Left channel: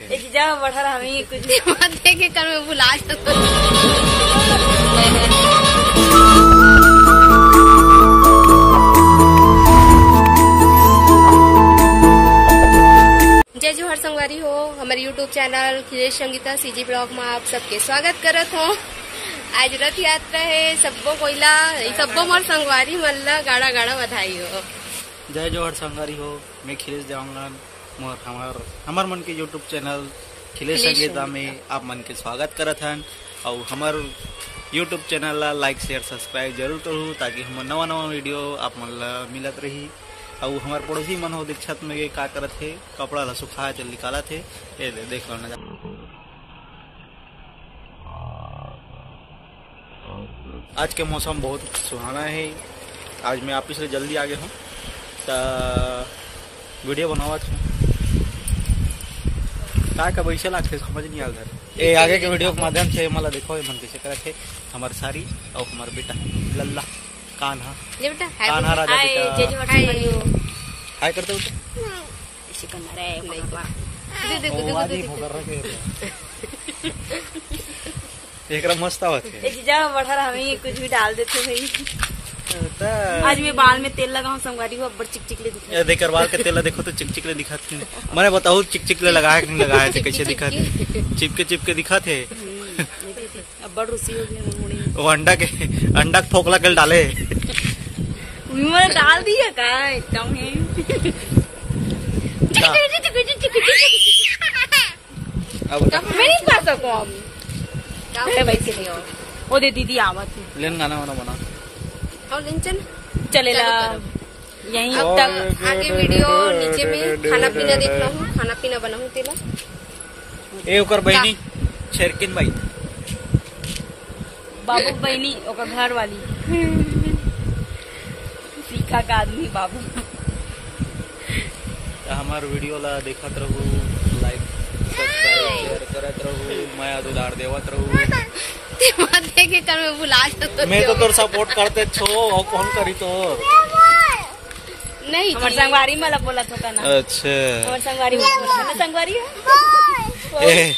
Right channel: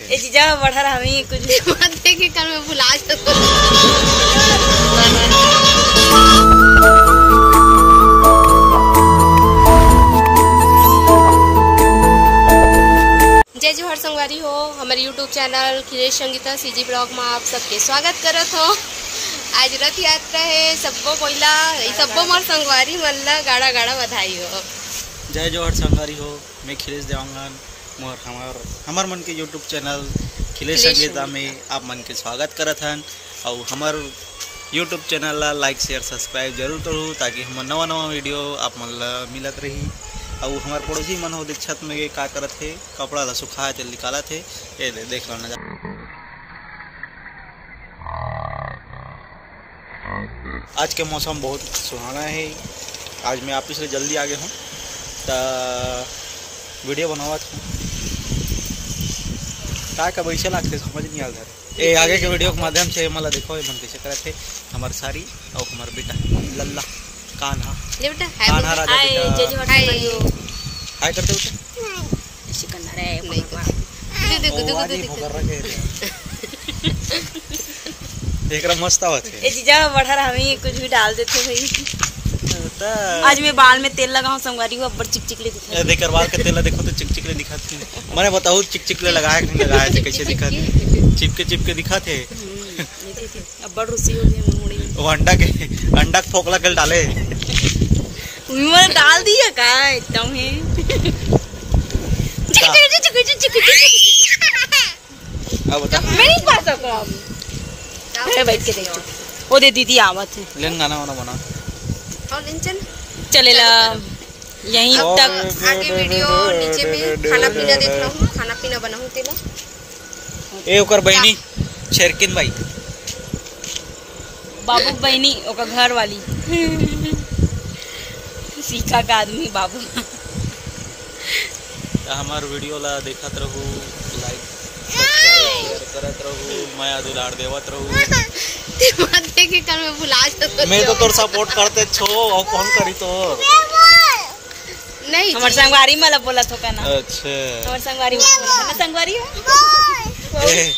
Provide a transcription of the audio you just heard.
ए जीजा बढ़ा रहा हमी कुछ देखे कर में बुला जय जोहर संगवारी हो। हमारे YouTube channel Khilesh Sangeeta CG blog में आप सबके स्वागत करत हो। आज रथ यात्रा है, सबो कोयला सबो मोर संगवारी मल्ला गाड़ा गाड़ा बधाई हो। जय जोहर संगवारी हो। मैं खिलेश देवांगन मोर हमार मन के यूट्यूब चैनल खिलेश संगीता में आप मन के स्वागत करत हन। और हमार यूट्यूब चैनल ला लाइक शेयर सब्सक्राइब जरूर करूँ ताकि हम नवा नवा वीडियो आप मन ला मिलत रही। और हमार पड़ोसी मन हो छत में का करत है, कपड़ा ला सुखाए थे निकाला थे, ये देख लो नजारा। आज के मौसम बहुत सुहाना है। आज मैं ऑफिस से जल्दी आ गया हूँ तो वीडियो बनावत हूँ। का वैसे लगते समझ नहीं आता है। आगे के वीडियो के माध्यम से मला देखो मन कैसे करते हमार सारी और हमार बेटा लल्ला कान्हा कान्हा राजा बेटा हाय करते बेटा ऐसे करना रे एकरा मस्त आवत है। ए जीजा बढ़ा रहा हमी कुछ भी डाल देते भाई। आज मैं बाल में तेल लगाऊं संगवारी को अब्बर चिकचिकले दिखा। ये देख बाल के तेल देखो तो चिकचिकले दिखाते हैं। मैंने बताओ चिकचिकले लगाया कि नहीं लगाया थे, कैसे दिखाते चिपके दिखाते अब्बर रुसी हो गया मुड़ी। वो अंडा फोकला कल डाले मैं डाल दिया का एकदम है। अब बता मैं नहीं पा सकूं अब बैठ के देखो। वो दे दीदी आवत है लेन गाना वाना बना और चल चलेला यहीं अब तक आगे वीडियो नीचे में खाना पीना देख रहा हूँ, खाना पीना बनाऊँ तेला। ए ओकर बहनी शेरकिन भाई बाबू बहनी ओकर घर वाली सीखा का आदमी बाबू। हमार वीडियो ला देखत रहू, लाइक सब्सक्राइब शेयर करत रहू, माया दुलार देवत रहू। देखे कर में बुला मैं तो तोर सपोर्ट करते छो और कौन करी तोर नहीं हमार संगवारी मला बोला तो का ना। अच्छा हमार संगवारी बोला संगवारी है।